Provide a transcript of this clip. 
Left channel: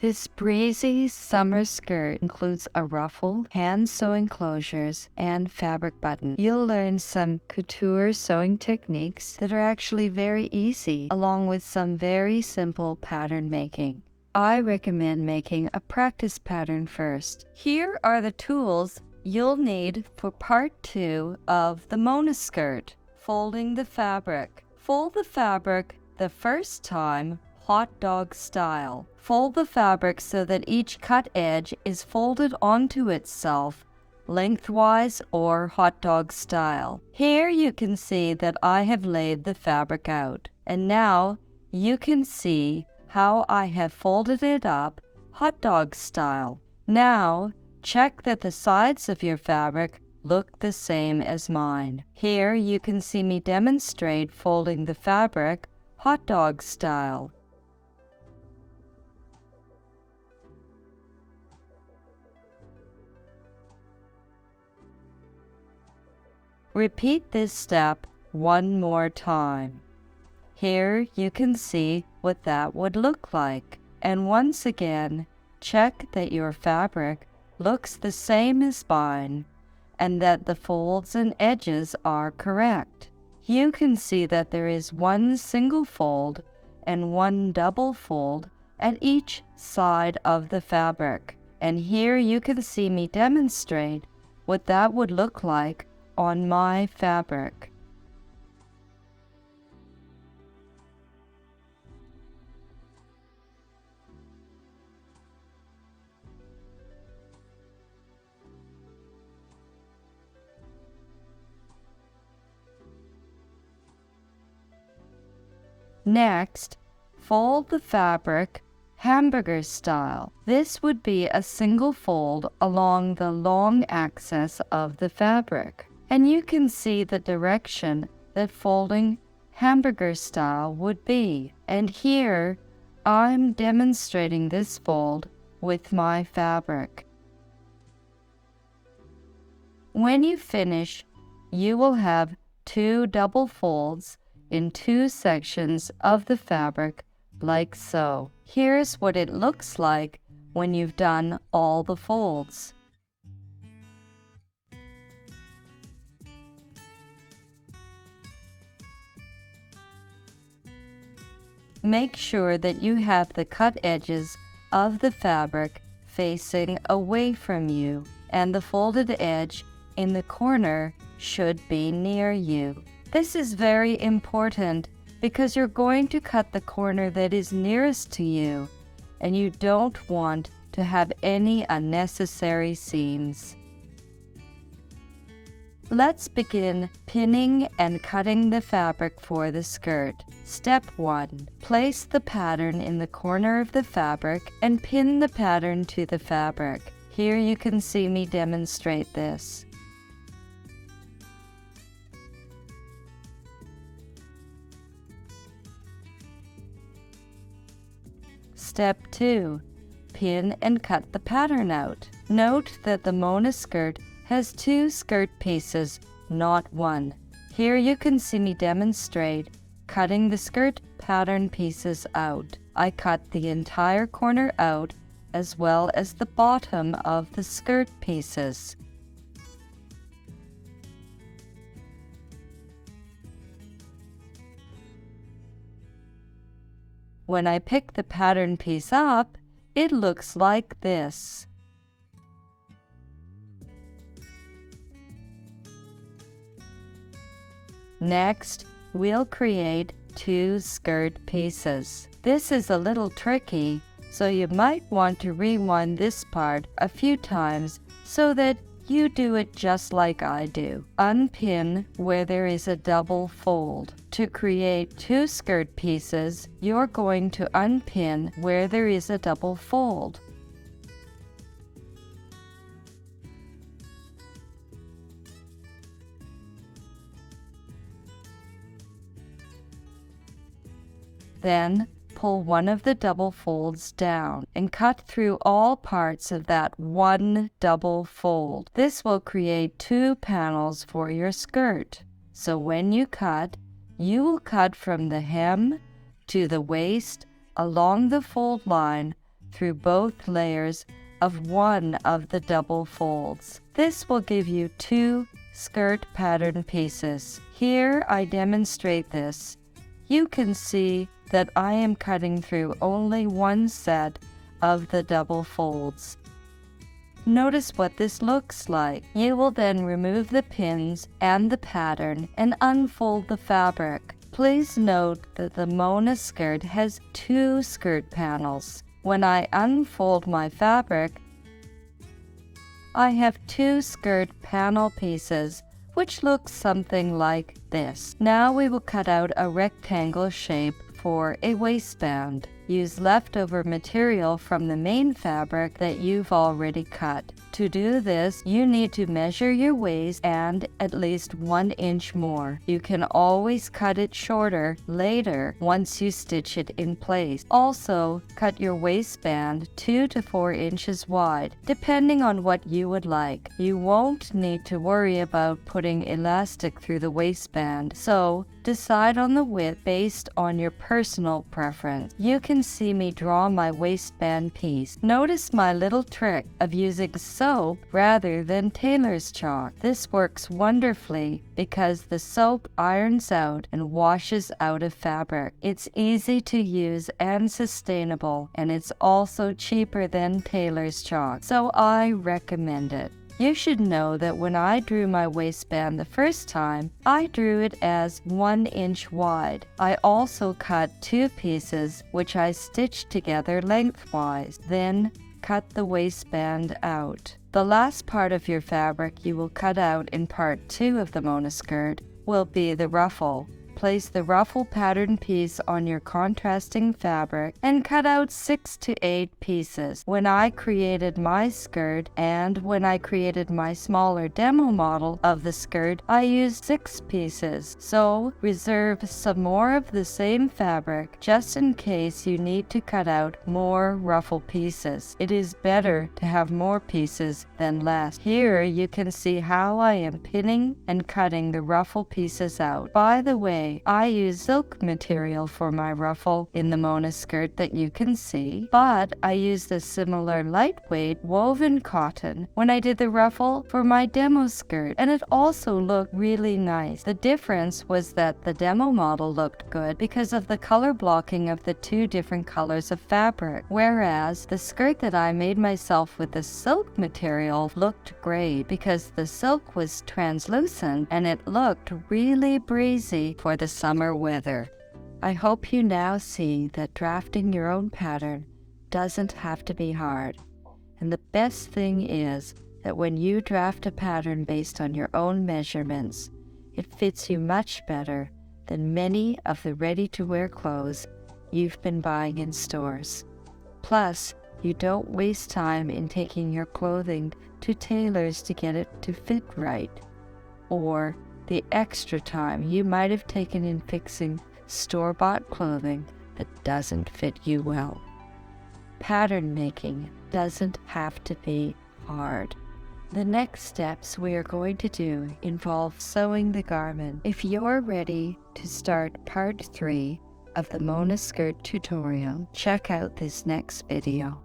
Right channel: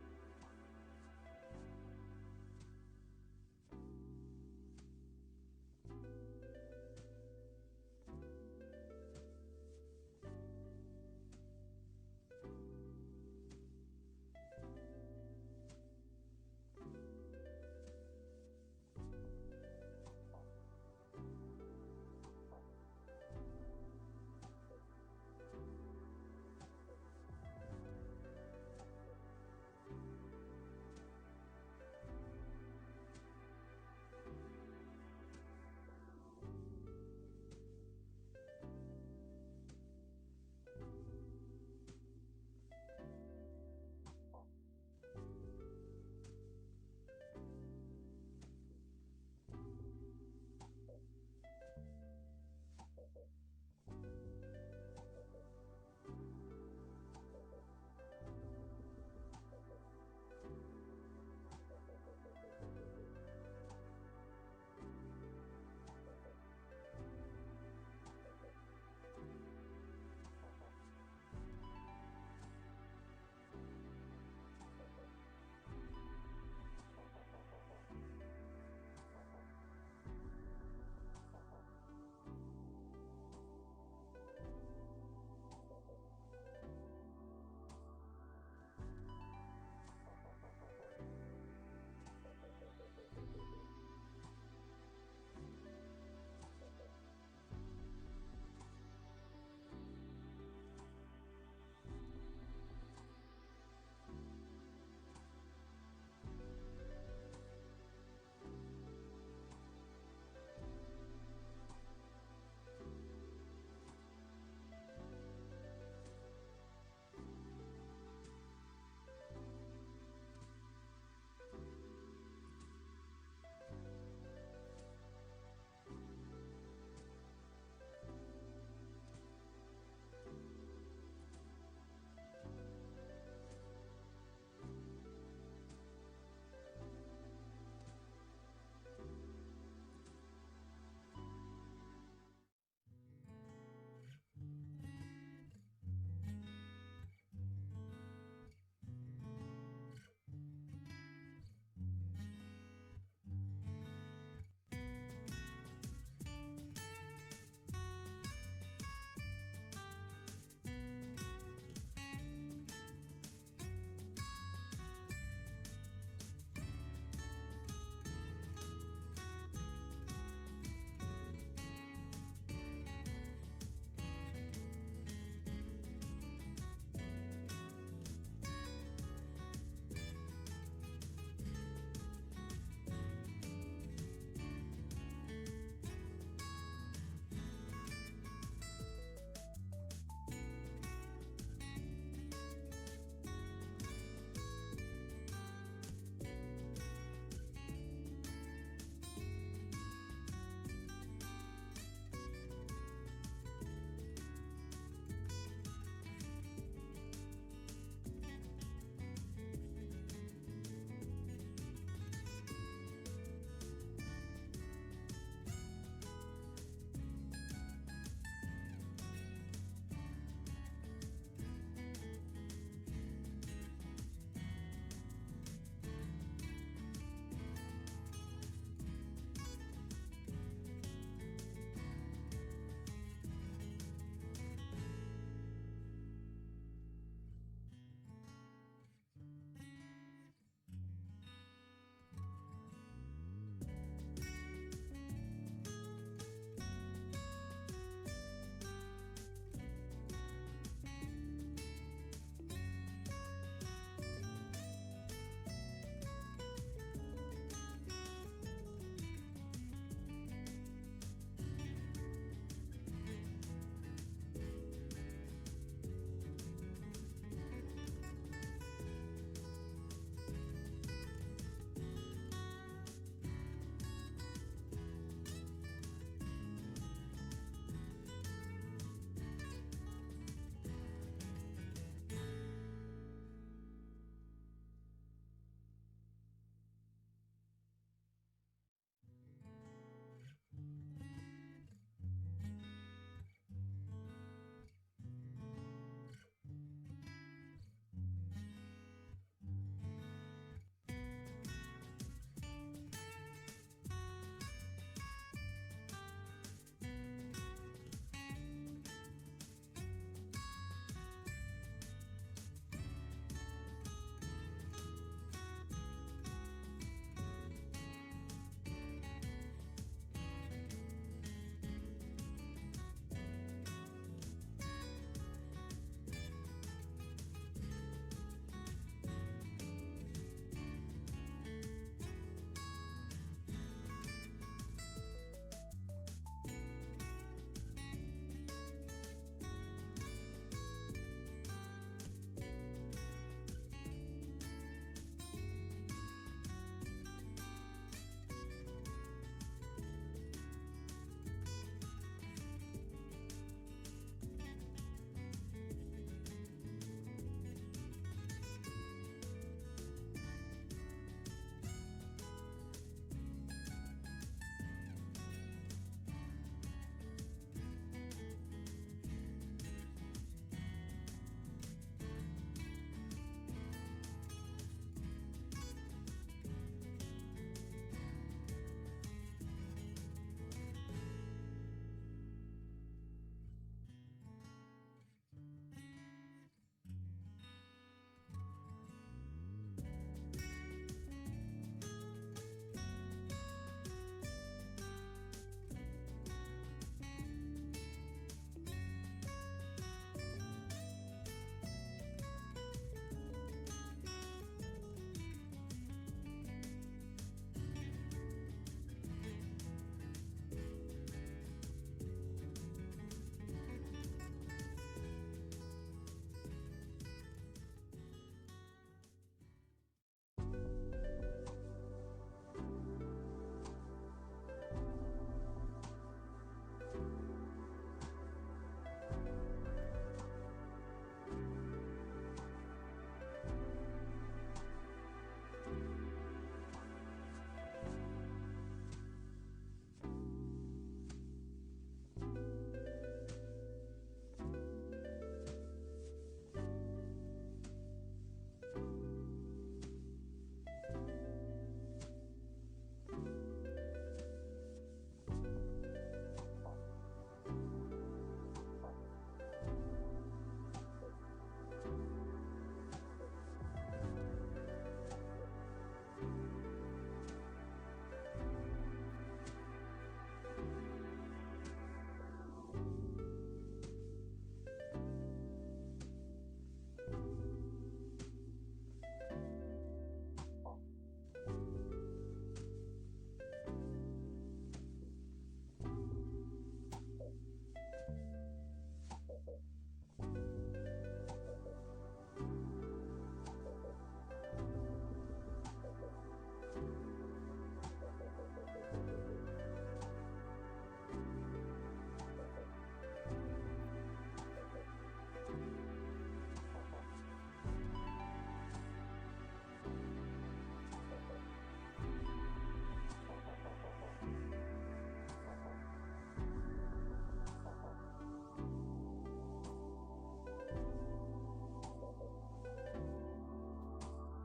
This breezy summer skirt includes a ruffle, hand sewing closures, and fabric button. You'll learn some couture sewing techniques that are actually very easy, along with some very simple pattern making. I recommend making a practice pattern first. Here are the tools you'll need for part 2 of the Mona skirt. Folding the fabric. Fold the fabric the first time hot dog style. Fold the fabric so that each cut edge is folded onto itself lengthwise or hot dog style. Here you can see that I have laid the fabric out, and now you can see how I have folded it up hot dog style. Now check that the sides of your fabric look the same as mine. Here you can see me demonstrate folding the fabric hot dog style. Repeat this step one more time. Here you can see what that would look like. And once again, check that your fabric looks the same as mine and that the folds and edges are correct. You can see that there is one single fold and one double fold at each side of the fabric. And here you can see me demonstrate what that would look like on my fabric. Next, fold the fabric hamburger style. This would be a single fold along the long axis of the fabric. And you can see the direction that folding hamburger style would be. And here I'm demonstrating this fold with my fabric. When you finish, you will have 2 double folds in 2 sections of the fabric like so. Here's what it looks like when you've done all the folds. Make sure that you have the cut edges of the fabric facing away from you, and the folded edge in the corner should be near you. This is very important because you're going to cut the corner that is nearest to you, and you don't want to have any unnecessary seams. Let's begin pinning and cutting the fabric for the skirt. Step 1. Place the pattern in the corner of the fabric and pin the pattern to the fabric. Here you can see me demonstrate this. Step 2. Pin and cut the pattern out. Note that the Mona skirt has 2 skirt pieces, not 1. Here you can see me demonstrate cutting the skirt pattern pieces out. I cut the entire corner out as well as the bottom of the skirt pieces. When I pick the pattern piece up, it looks like this. Next, we'll create 2 skirt pieces. This is a little tricky, so you might want to rewind this part a few times so that you do it just like I do. Unpin where there is a double fold. To create 2 skirt pieces, you're going to unpin where there is a double fold. Then pull one of the double folds down and cut through all parts of that one double fold. This will create 2 panels for your skirt. So when you cut, you will cut from the hem to the waist along the fold line through both layers of one of the double folds. This will give you 2 skirt pattern pieces. Here I demonstrate this. You can see that I am cutting through only one set of the double folds. Notice what this looks like. You will then remove the pins and the pattern and unfold the fabric. Please note that the Mona skirt has 2 skirt panels. When I unfold my fabric, I have 2 skirt panel pieces, which looks something like this. Now we will cut out a rectangle shape for a waistband. Use leftover material from the main fabric that you've already cut. To do this, you need to measure your waist and at least 1 inch more. You can always cut it shorter later once you stitch it in place. Also, cut your waistband 2 to 4 inches wide, depending on what you would like. You won't need to worry about putting elastic through the waistband, so decide on the width based on your personal preference. You can see me draw my waistband piece. Notice my little trick of using soap rather than tailor's chalk. This works wonderfully because the soap irons out and washes out of fabric. It's easy to use and sustainable, and it's also cheaper than tailor's chalk, so I recommend it. You should know that when I drew my waistband the first time, I drew it as 1 inch wide. I also cut 2 pieces which I stitched together lengthwise, then cut the waistband out. The last part of your fabric you will cut out in part 2 of the Mona skirt will be the ruffle. Place the ruffle pattern piece on your contrasting fabric and cut out 6 to 8 pieces. When I created my skirt and when I created my smaller demo model of the skirt, I used 6 pieces. So reserve some more of the same fabric just in case you need to cut out more ruffle pieces. It is better to have more pieces than less. Here you can see how I am pinning and cutting the ruffle pieces out. By the way, I use silk material for my ruffle in the Mona skirt that you can see, but I used a similar lightweight woven cotton when I did the ruffle for my demo skirt, and it also looked really nice. The difference was that the demo model looked good because of the color blocking of the 2 different colors of fabric, whereas the skirt that I made myself with the silk material looked great because the silk was translucent and it looked really breezy for the summer weather. I hope you now see that drafting your own pattern doesn't have to be hard. And the best thing is that when you draft a pattern based on your own measurements, it fits you much better than many of the ready-to-wear clothes you've been buying in stores. Plus, you don't waste time in taking your clothing to tailors to get it to fit right, or the extra time you might have taken in fixing store-bought clothing that doesn't fit you well. Pattern making doesn't have to be hard. The next steps we are going to do involve sewing the garment. If you're ready to start part 3 of the Mona skirt tutorial, check out this next video.